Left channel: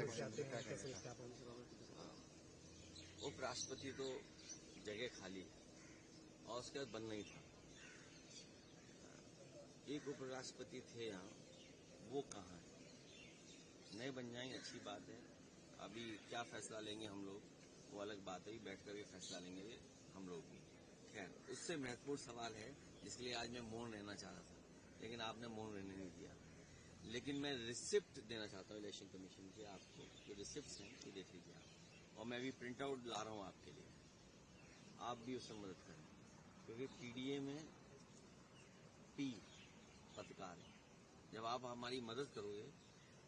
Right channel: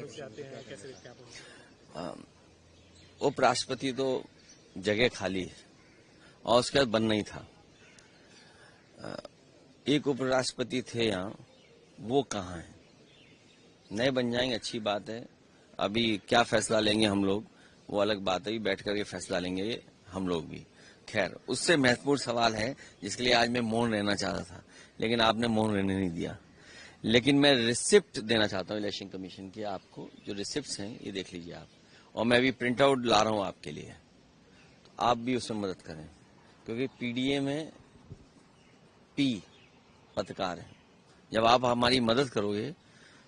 आरोप आते हैं, कैसे देखते हैं आप? उपराष्ट्रपति तो जगह खाली है और उसके बाद बनना ही था। एक उपराष्ट्रपति थे यहाँ, वो कहाँ है? नए बन जाएंगे, अच्छी बात है। अभी क्या फैसला लेंगे हम लोग वो अलग बात है, बैठ करके फैसला लेंगे हम लोग भी। खैर, उससे महत्वपूर्ण सवाल है जिसके लिए आज मैं मौन रहना चाहता था, लेकिन आपने मौन रहने नहीं दिया। लेकिन मैं रिसिप्ट देना चाहता हूँ इलेक्शन कमीशन की। आपको जो रिसिप्ट्स हैं ये देख लीजिए आप, और मैं भी प्रिंट आउट ला रहा हूँ आपके लिए, तो आप भी उसमें मदद करें, क्योंकि पीडीए में पी पत्रकार है। जब आप हमारी मदद करोगे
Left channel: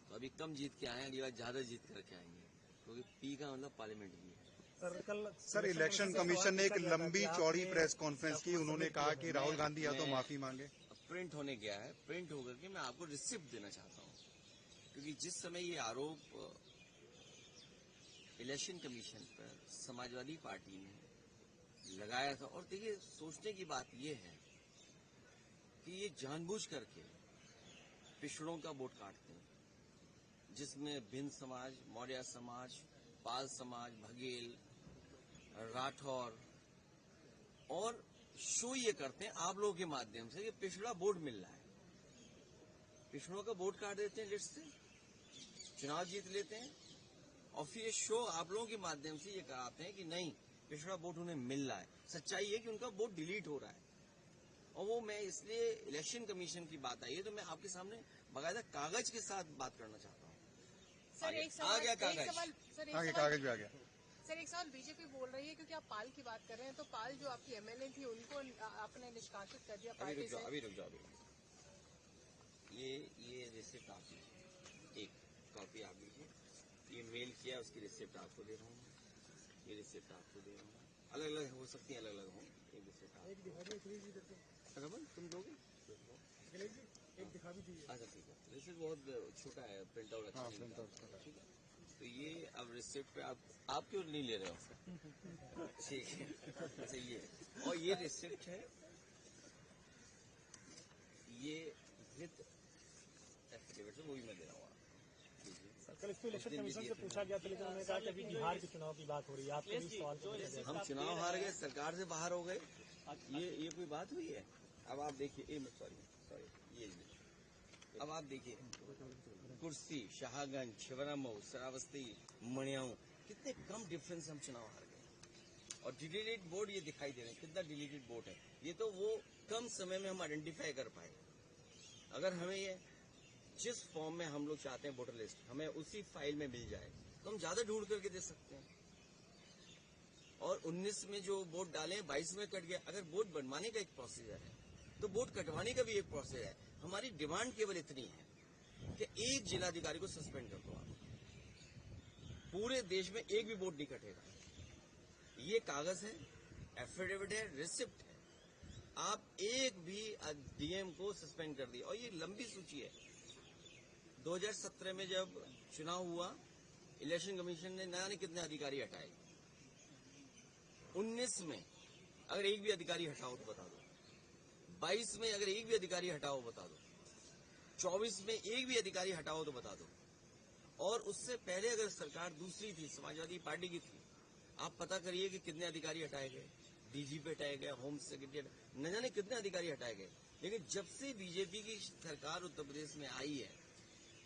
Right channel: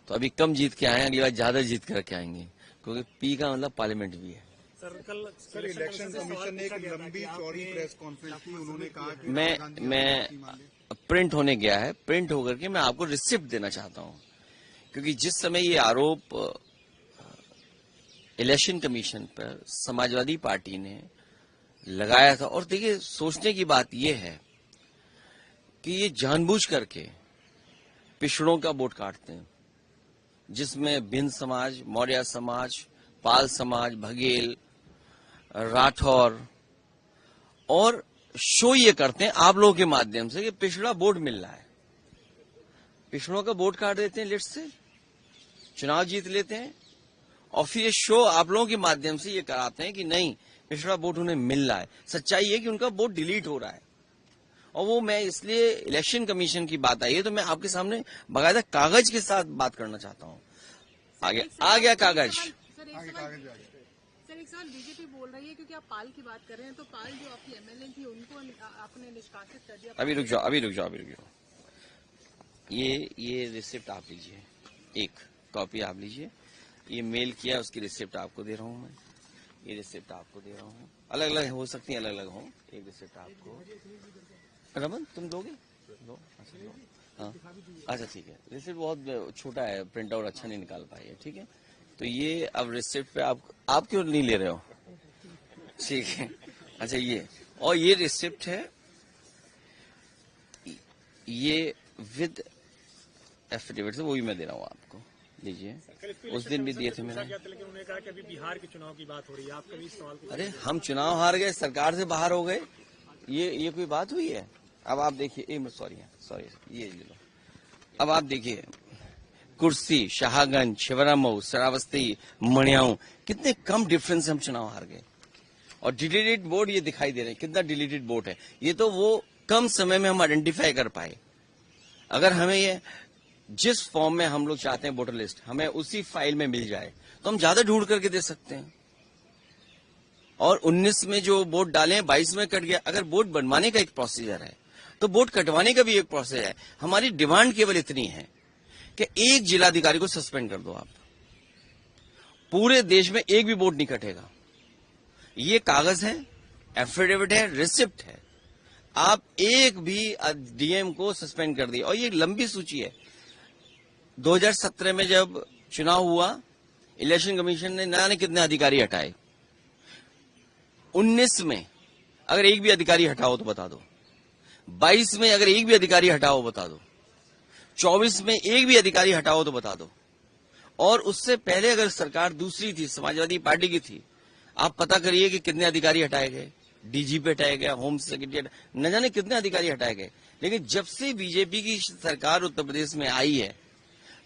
तो अभी कम जीत के आए, अगली बार ज्यादा जीत करके आएंगे, क्योंकि पी का मतलब पार्लियामेंट भी है। सर इलेक्शन कमीशन ने एक लंबी चौड़ी प्रेस कॉन्फ्रेंस की, उन्होंने कहा कि मैं प्रिंट होने गया है, प्रिंट होकर के मैं आपको रिसिप्ट देना चाहता हूं, क्योंकि जिस समय ये आरोप इलेक्शन कमीशन पर समाजवादी पार्टी ने लगाया था, और देखिए सोचने की बात यह है कि ये जानबूझ करके पिछड़ों का वोट काटते हैं, जिसमें भिन्न समाज, मौर्य समाज, पाल समाज, बघेल, राठौर, और शो ये करते हैं आप लोगों के माध्यम से कि पिछड़ा वोट मिल रहा है। पिछड़ों का वोट काट देते हैं, लिस्ट से चुनाव जीत लेते हैं, और फिर ये शो आप लोगों के माध्यम से ये कराते हैं कि नहीं, पिछड़ा वोट उन्हें मिल रहा है। सच्चाई है कि उनका वोट डिलीट हो रहा है। और वो मैं इसलिए इलेक्शन कमीशन की बात आई है तो मैं आपके सामने बाकायदा कागज के साथ बात करना चाहता हूँ। आ गया कागज। सर एक सवाल बीजेपी बोल रही है, क्योंकि आप पाल की बात कर रहे हैं, तो पाल जो आपकी एमएलए थी उनको आपने निष्कासित कर दिया। अभी रुक जाओ। ये रिसिप्ट आप लीजिए, एक कॉपी आप लीजिए। ये मेल किया, उसकी रिसिप्ट आपको दे रहा हूँ मैं। ये रिसिप्ट आपको दे रहा हूँ, अलग अलग हो सकती है, अलग अलग हो। एक रिसिप्ट आपको, रमन तुम दोगे? दो। हाँ, अच्छा ठीक है। रिसिप्ट बहुत छोटा है, प्रिंट आउट अच्छा नहीं निकाल पाई है, ठीक है। तो ये अब रिसिप्ट पे आप क्यों नहीं ले रहे हो? ठीक है, अच्छा ये, और ये रिसिप्ट है, ये विद एफिडेविट से, वो भी मैं दे रहा हूँ आपको, लीजिए। उस दिन भी दिए थे मैंने। लेकिन उन्होंने कहा कि अभी बिहार के चुनाव की बात हो रही है, आपके भी सवाल। अरे हम चुनाव हार गए, सरकार से बाहर हो गए, ये कोई बात हुई है? अब आप देखिए, सॉरी ये ले लो। अब आप देखिए, कुर्सी, शाहगंज, शिवरामऊ, श्रावस्ती, मणियाऊ, कितने कम डिफरेंस से हम चुनाव हार गए। और डिलीटेड वोट ये दिखाई दे रहे हैं, कितना डिलीटेड वोट है। ये तो वो कम समय में हम आइडेंटिफाई कर पाए। अगर हमें ये जिस फॉर्म में हम लोग चाहते हैं वोटर लिस्ट, हमें उसी फाइल में मिल जाए तो हम ज्यादा ढूंढ करके दे सकते हैं। और 19 में जो वोट डाले हैं 22 में कट गया। अगर वोट बनवाने का एक प्रोसीजर है तो वोट कटवाने का भी एक प्रोसेस है। हमारी डिमांड केवल इतनी है कि एक जिलाधिकारी को सस्पेंड कर दो आप, पूरे देश में एक भी वोट नहीं कटेगा। ये कागज है, एफिडेविट है, रिसिप्ट है। आप एक भी डीएम को सस्पेंड कर दिए। और ये लंबी सूची है। 2017 में जब चुनाव हुआ, इलेक्शन कमीशन ने न जाने कितने अधिकारी हटाए। 19 में अगर एक भी अधिकारी हटाओ तो बता दो। 22 में अगर एक भी अधिकारी हटाओ बता दो। 24 में एक भी अधिकारी हटाओ तो बता दो। और उससे पहले अगर सरकार दूसरी थी, समाजवादी पार्टी की थी, आप पता करिए कि कितने अधिकारी हटाए गए। डीजीपी हटाया गया, होम सेक्रेटरी, न जाने कितने अधिकारी हटाए गए। लेकिन जब से बीजेपी की सरकार उत्तर प्रदेश में आई है,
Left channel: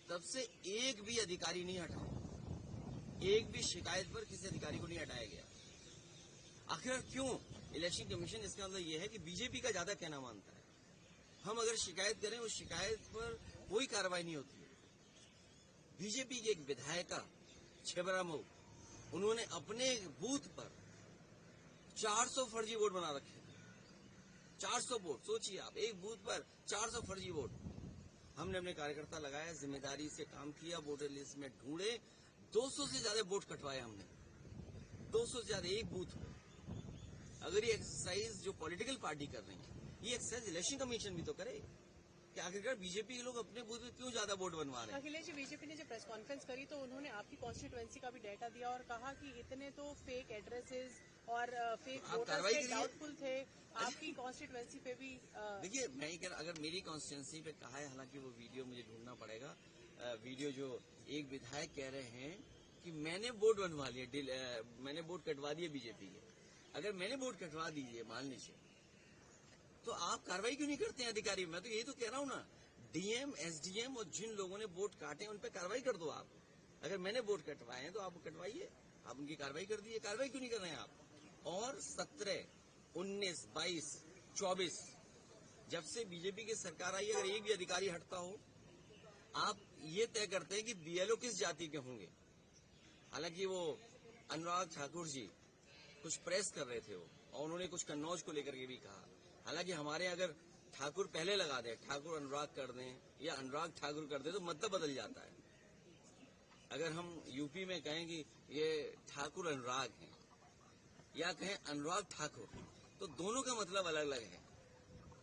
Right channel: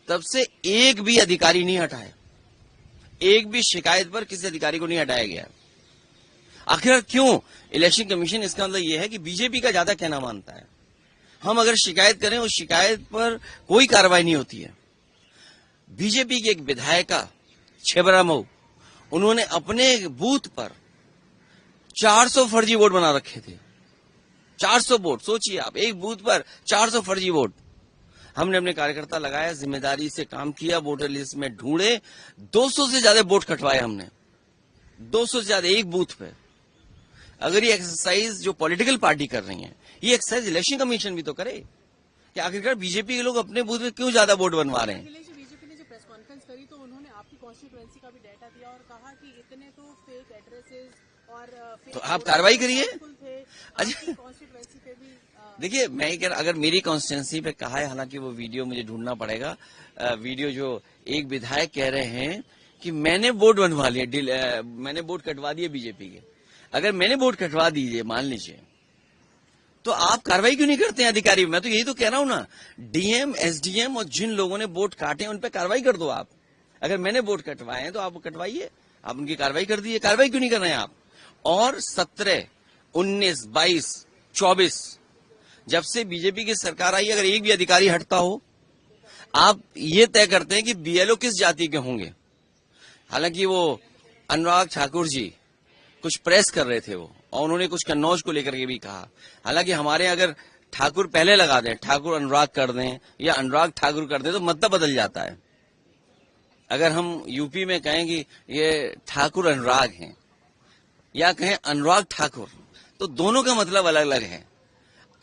तब से एक भी अधिकारी नहीं हटाए। एक भी शिकायत पर किसी अधिकारी को नहीं हटाया गया। आखिर क्यों? इलेक्शन कमीशन, इसका मतलब यह है कि बीजेपी का ज्यादा कहना मानता है। हम अगर शिकायत करें, उस शिकायत पर कोई कार्रवाई नहीं होती है। बीजेपी की एक विधायिका छिबरामऊ, उन्होंने अपने बूथ पर 400 फर्जी वोट बना रखे थे। 400 वोट, सोचिए आप, एक बूथ पर 400 फर्जी वोट। हमने अपने कार्यकर्ता लगाया, जिम्मेदारी से काम किया, वोटर लिस्ट में ढूंढे, 200 से ज्यादा वोट कटवाए हमने, 200 से ज्यादा एक बूथ पे। अगर ये एक्सरसाइज जो पॉलिटिकल पार्टी कर रही है, ये एक्सरसाइज इलेक्शन कमीशन भी तो करे कि आखिरकार बीजेपी के लोग अपने बूथ में क्यों ज्यादा वोट बनवा रहे हैं। बीजेपी ने जो प्रेस कॉन्फ्रेंस करी तो उन्होंने आपकी कॉन्स्टिट्यूएंसी का भी डाटा दिया और कहा कि इतने तो फेक एड्रेसेस और फेक तो आप कार्रवाई करिए। थे आपकी कॉन्स्टिट्यूएंसी पे भी। देखिए, मैं ये कह रहा, अगर मेरी कॉन्स्टिट्यूंसी पे कहा है, हालांकि वो वीडियो मुझे ढूंढना पड़ेगा, वीडियो जो एक विधायक कह रहे हैं कि मैंने वोट बनवा लिए, मैंने वोट कटवा दिए बीजेपी के। अगर मैंने वोट कटवा दीजिए, मान लीजिए, तो आप कार्रवाई क्यों नहीं करते हैं अधिकारी? मैं तो यही तो कह रहा हूं ना, डीएम, एसडीएम और जिन लोगों ने वोट काटे हैं उन पे कार्रवाई कर दो आप। अगर मैंने वोट कटवाए हैं तो आप कटवाइए, आप उनकी कार्रवाई कर दीजिए। कार्रवाई क्यों नहीं कर रहे हैं आप? और 17, 19, 22, 24 जब से बीजेपी की सरकार आई, अगर एक भी अधिकारी हटता हो, आप ये तय करते हैं कि बीएलओ किस जाति के होंगे। हालांकि वो अनुराग ठाकुर जी कुछ प्रेस कर रहे थे वो, और उन्होंने कुछ कन्नौज को लेकर के भी कहा। हालांकि हमारे अगर ठाकुर पहले लगा दें, ठाकुर अनुराग कर दें या अनुराग ठाकुर कर दें, तो मतलब बदल जाता है। अगर हम यूपी में कहें कि ये ठाकुर अनुराग हैं या कहें अनुराग ठाकुर, तो दोनों का मतलब अलग अलग है।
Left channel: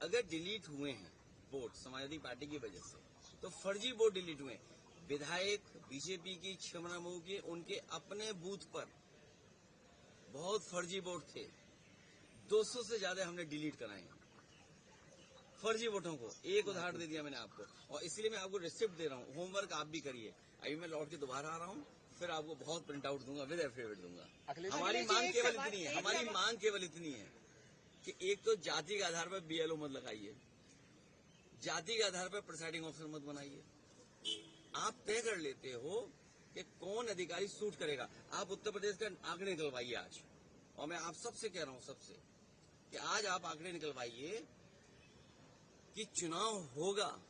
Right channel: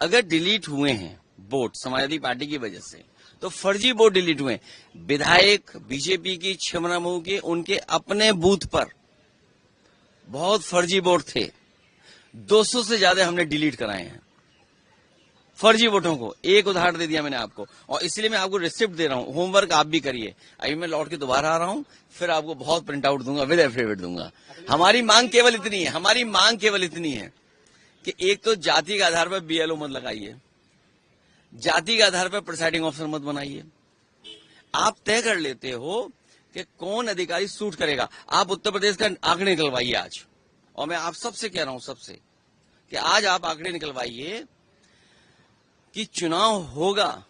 अगर डिलीट हुए हैं वोट समाजवादी पार्टी की वजह से, तो फर्जी वोट डिलीट हुए। विधायक बीजेपी की छिबरामऊ के उनके अपने बूथ पर बहुत फर्जी वोट थे, 200 से ज्यादा हमने डिलीट कराए हैं फर्जी वोटों को। एक उदाहरण दे दिया मैंने आपको, और इसलिए मैं आपको रिसिप्ट दे रहा हूं, होमवर्क आप भी करिए। अभी मैं लौट के दोबारा आ रहा हूं, फिर आपको बहुत प्रिंट आउट दूंगा, विद एफिडेविट दूंगा। हमारी मांग केवल इतनी है, हमारी मांग केवल इतनी है कि एक तो जाति के आधार पर बीएलओ मत लगाइए, जाति के आधार पर प्रिसाइडिंग ऑफिसर मत बनाइए। आप तय कर लेते हो कि कौन अधिकारी सूट करेगा। आप उत्तर प्रदेश का आंकड़े निकलवाइए आज, और मैं आप सबसे कह रहा हूं, सबसे, कि आज आप आंकड़े निकलवाइए कि चुनाव होगा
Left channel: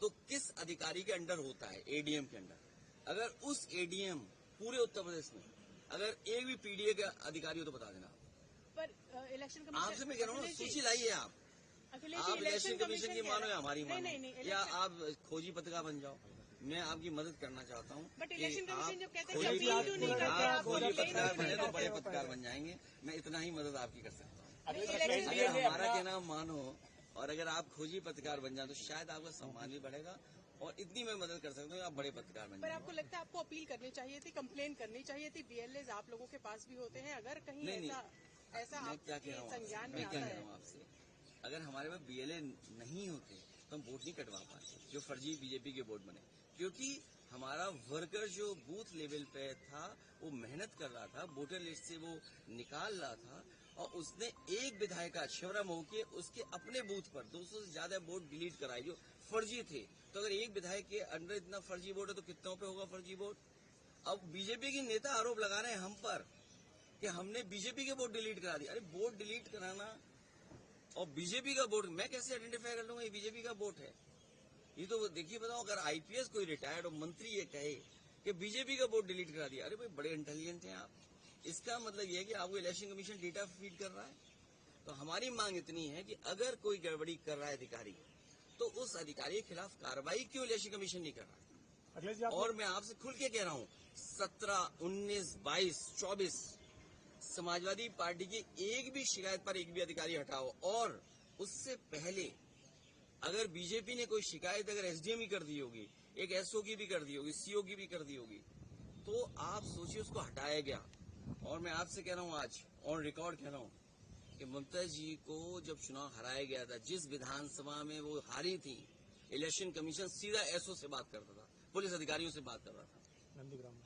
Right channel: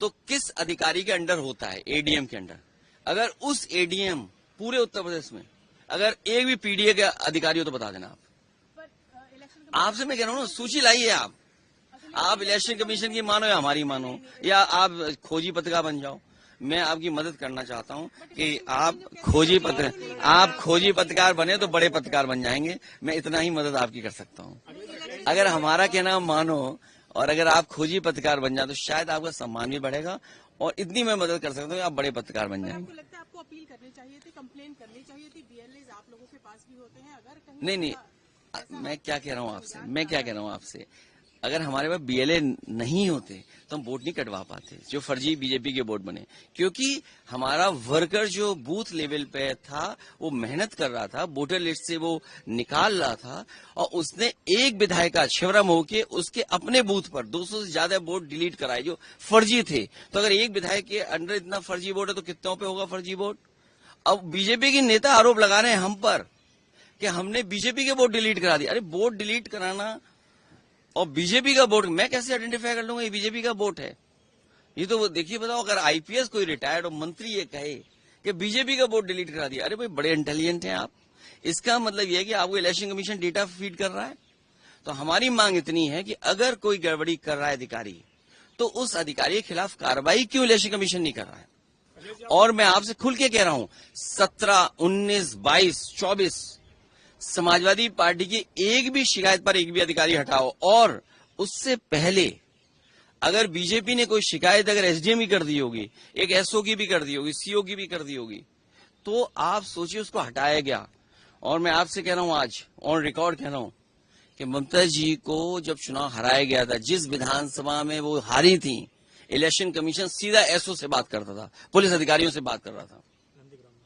तो किस अधिकारी के अंडर होता है, एडीएम के अंडर। अगर उस एडीएम पूरे उत्तर प्रदेश में अगर एक भी पीडीए के अधिकारी हो तो बता देना आप। आपसे मैं कह रहा हूं ना, सूची लाइए आप इलेक्शन कमीशन की मानो या हमारी मानो, या आप खोजी पत्रकार बन जाओ। मैं आपकी मदद करना चाहता हूं कि आप खोजी पत्रकार बने तो बड़े पत्रकार बन जाएंगे। मैं इतना ही मदद आपकी कर सकता हूं। अगर हमारा कहना मानो और अगर आप खोजी पत्रकार बन जाए तो शायद आपका सम्मान भी बढ़ेगा, और इतनी मैं मदद कर सकता हूँ कि आप बड़े पत्रकार बन जाएंगे। आपको लगता है आपको अपील करनी चाहिए थी, कंप्लेन करनी चाहिए थी? बीएलएज आप लोगों के पास भी होते हैं, अगर कहीं नहीं, मैं क्या कह रहा हूँ आपसे, अगर हमारे पास बीएलए नहीं होते तो हम वोट नहीं कटवा पाते जो फर्जी बीजेपी के वोट बने। क्योंकि हमारा वर्कर जो बूथ लेवल पे था वो मेहनत कर रहा था, वोटर लिस्ट से वो निकाल रहा था, और उसने एक विधायिका छिबरामऊ के उसके अपने बूथ पर 200 से ज्यादा वोट डिलीट कराए जो फर्जी थे। तो अगर एक विधायक के अंडर इतना फर्जी वोट है तो कितनों पे होगा फर्जी वोट? अब बीजेपी के नेता आरोप लगा रहे हैं हम पर कि हमने बीजेपी के वोट डिलीट करा दिए। अरे वोट डिलीट कराना और बीजेपी का वोट मैं कैसे आइडेंटिफाई कर लूंगा ये बीजेपी का वोट है? ये तो देखिए, बताओ, अगर आईपीएस कोई रिटायर्ड और मंत्री ये कहे कि बीजेपी का वोट डिलीट करा दिया, अरे भाई बड़े इंटेलिजेंट हैं आप। इसका मतलब ये है कि आपको इलेक्शन कमीशन डेटा फीड कर रहा है। तो हमारी मांग इतनी है कि अगर कोई गड़बड़ी कर रहा है अधिकारी, तो उस अधिकारी के खिलाफ कार्रवाई क्यों इलेक्शन कमीशन नहीं कर रहा है? और मैं आपसे खुल के कह रहा हूं, 17, 19, 22, 24 समाजवादी पार्टी की एक भी शिकायत पर एक भी अधिकारी हटाओ। और उससे पहले अगर बीजेपी ने कोई शिकायत अगर एसडीएम की कर दी होगी, एक एसओ की भी कर दी होगी, सीओ की भी कर दी होगी, तो आप सोचिए उसको हटाया गया। और मैं आपसे कह रहा हूं, आज ऑन रिकॉर्ड कह रहा हूं कि ममता जी को जब चुनाव हराया गया था, जिस विधानसभा में वो हारी थी, इलेक्शन कमीशन सीधा एसओ से बात करता था, पुलिस अधिकारियों से बात कर रहा था।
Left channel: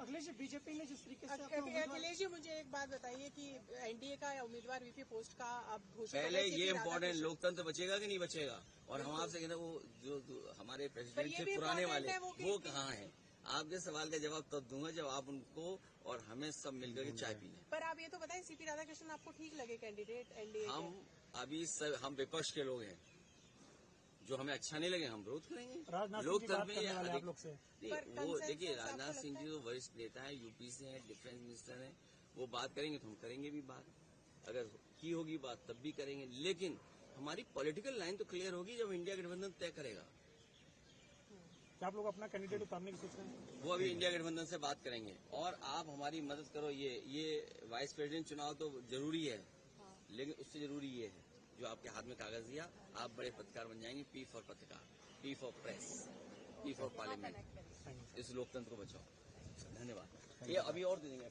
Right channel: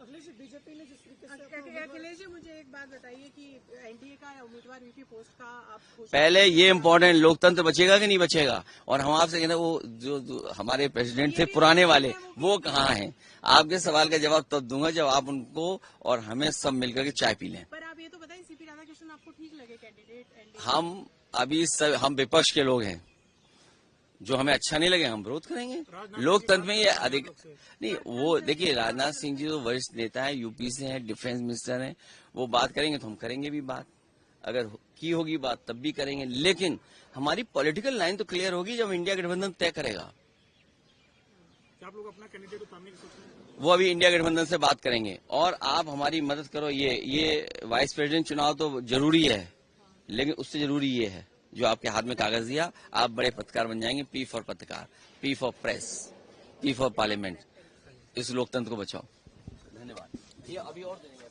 अखिलेश जी, बीजेपी ने जिस तरीके से अखिलेश जी, मुझे एक बात बताइए कि एनडीए का उम्मीदवार वीपी पोस्ट का आप पहले ये इम्पोर्टेंट, लोकतंत्र बचेगा कि नहीं बचेगा? और हम आपसे कहते हैं वो जो हमारे प्रेसिडेंट थे पुराने वाले, वो कहाँ हैं? आपके सवाल का जवाब तब दूंगा जब आप उनको और हमें सब मिलकर के चाय पी लें। पर आप ये तो बताएं, सीपी राधाकृष्णन आपको ठीक लगे कैंडिडेट? हम अभी हम विपक्ष के लोग हैं, जो हमें अच्छा नहीं लगे हम विरोध करेंगे। लोकतंत्र में ये अधिक नहीं, वो देखिए, राजनाथ सिंह जी तो वरिष्ठ नेता है, यूपी से हैं, डिफेंस मिनिस्टर हैं, वो बात करेंगे तो हम करेंगे भी बात, अगर की होगी बात तब भी करेंगे। लेकिन हमारी पॉलिटिकल लाइन तो क्लियर होगी जब इंडिया गठबंधन तय करेगा। आप लोग अपना कैंडिडेट उतारने की सोच रहे हैं? वो अभी इंडिया गठबंधन से बात करेंगे, और आप हमारी मदद करो। ये वाइस प्रेसिडेंट चुनाव तो जरूरी है, लेकिन उससे जरूरी ये है जो आपके हाथ में कागज दिया, आप बड़े पत्रकार बन जाएंगे। पी फॉर पत्रकार, P for press, P for parliament. इस लोकतंत्र को बचाओ। धन्यवाद। ये अभी और दे देंगे।